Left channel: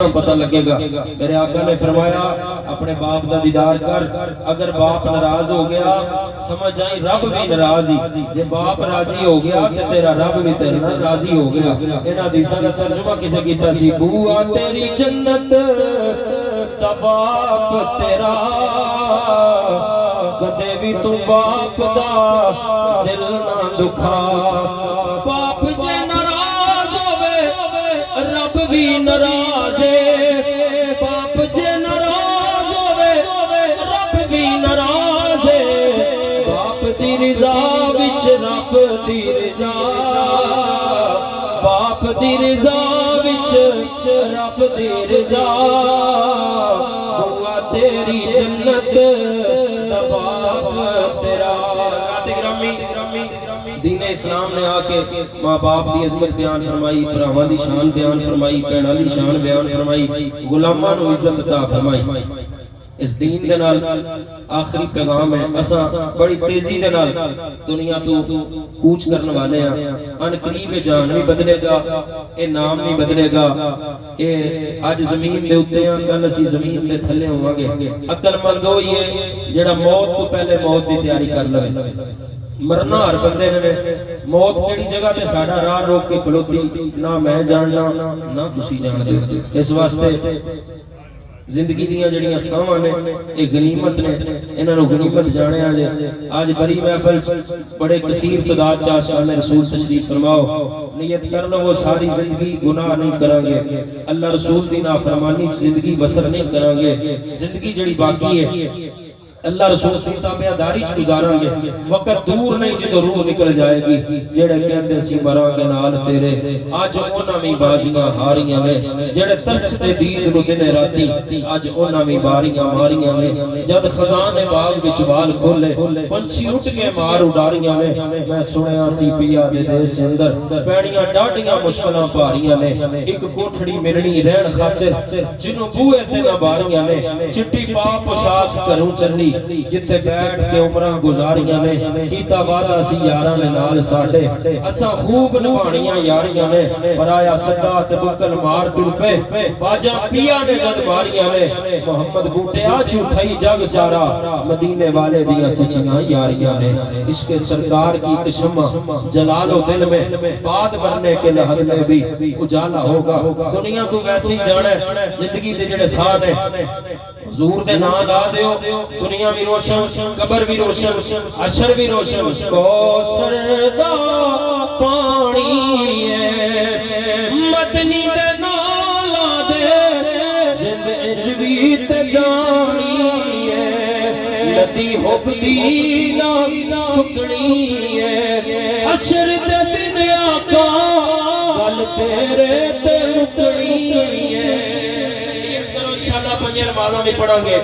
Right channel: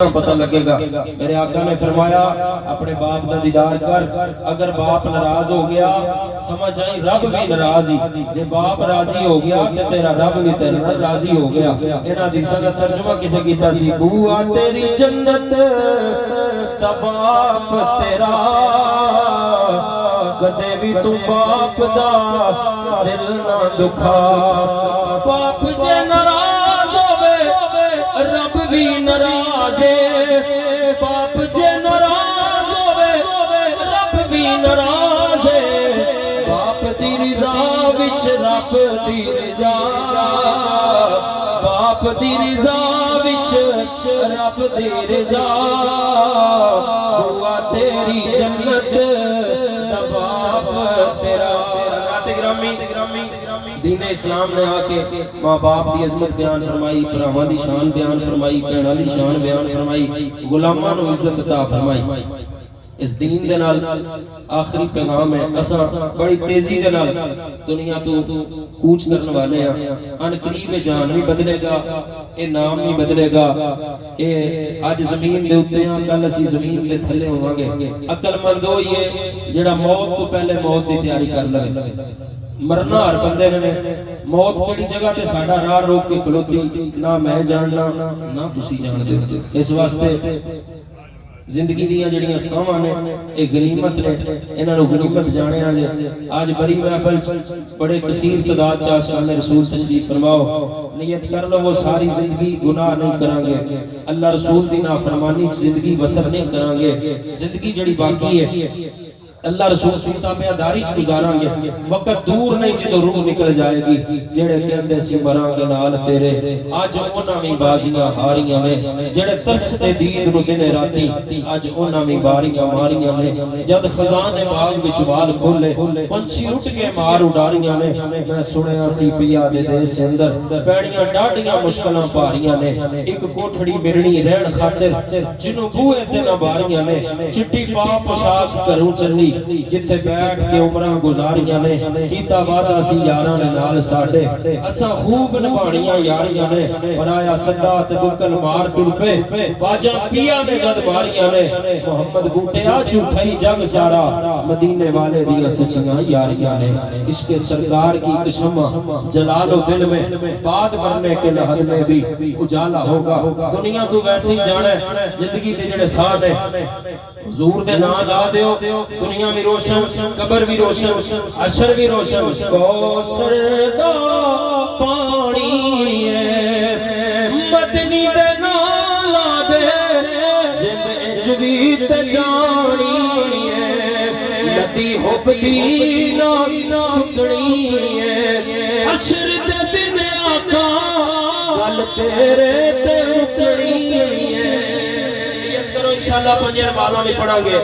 पता लगेगा। मेरे आका ने फरमाया अपने बाप का दीदार कर, अगर बाप नाराज हो गया समझ आई रब भी नाराज ही, जे बाप राजी हो गया तो तेरा रब भी तेरे नाल राजी हो गया। इन्हां हदीसां दा तर्जुमा किसे कीता सी, बुआ तेरी जन्नत दा बाप तेरा, कदे भी तू बाप दा दिल ना दुखा। बाप जे नाराज होवे रब भी नाराज है, बाप जे नाराज होवे रब भी नाराज है। बाप दी रिज़ा विच रब दी रिज़ा, बाप दी रिज़ा विच रब दी रिज़ा। हुआ तेरी जन्नत दा बाप तेरा। दीन इस्लाम ने आके माँ बाप की अजमत बयान फरमाई, भरावां दी शान बयान फरमाई, भैणां दी शान बयान फरमाई, गुलामां नूं इज्जत अता फरमाई। इस दीन दे नाल आखिरी पैगाम है, असां बड़ी तेजी दे नाल दुनिया तो कूच करने वाले हैं। अन करीब जान भी बदलेगा, ये नाम भी बदलेगा। ये अज जमीन दे उत्ते हां, कल असीं जमीन दे थल्ले होवांगे। अकलमंद हो ये जेड़ा मौत तो पहले मौत दी तैयारी कर लवे। मरना हर बंदे ने, मौत केड़ी जगह ते साडा राह रोक के खड़ोती ना मैं जानना ना तुसी जानदे। इस वास्ते जिंदगी दियां जड़ियां सावां ने ये गनीमत ने, इन्हां नूं गनीमत जानिया जे। आज बड़ी महफिल बड़े कसीर तादाद च आशिकाने रसूल तशरीफ फरमाओ। नियत कर लो वो सारी जिंदगी गुनाह नहीं करांगे, अल्लाह रसूल दी नाफरमानी च जिंदगी बसर नहीं करांगे। जिंदगी जड़ी बाकी है अल्लाह रसूल दी ताबेदारी च गुजारांगे। वक्त दूर नहीं जो रूह निकल जाएगी, जेड़े कहंदे सी मरांगे नाल तेरे, अज उन्हां भी बाजियां हारियां ने। जेड़े तरसदे दीन नूं दिन राती, अज उन्हां भी बारियां मारियां ने। जद खजाने बाग विच वाल खोले, पंछी उठ के मार उडारियां ने। मैं सुनिया सी पिया दे देश अंदर पैणियां डाडियां मुश्किलां भारियां ने। एक कोठड़ी मिलनी रहण खातिर जिन्हों बूहे ते ना बारियां ने। चिट्टी पा पोशाक घरों चली जिथे बैठ के उमरां गुजारियां ने। कीता वादा सी यारां दे नाल साडे, असां खूब निभाणियां यारियां ने। पर आया सदा ते बुकल मार टुर पे, बाजा पिया ने जद मारियां ने। मोहम्मद बूटिया झूठा ही जग सारा, मदीने वाले दियां सच्चियां यारियां ने। इसके सरकार की कसम जलालो दिल में, बाद मरने के लहद में भी उजाला होगा। दुनिया तू वैसे ही जाना, जिंदगी दे जेड़े साथ है हुजूर दे नाम ला दियो, दुनिया भी रोशन, कब्र भी रोशन, अशर भी रोशन। कौसर दा पानी है मदनी दे नाल ला दे, जिंद इंज वी ते जानी है। लदी हुब दी ना सुकनी है, अशर दे दिन आका गल तेरे ते मुकनी है। इंशाअल्लाह पंज नमाज़ां भी पढ़ांगे।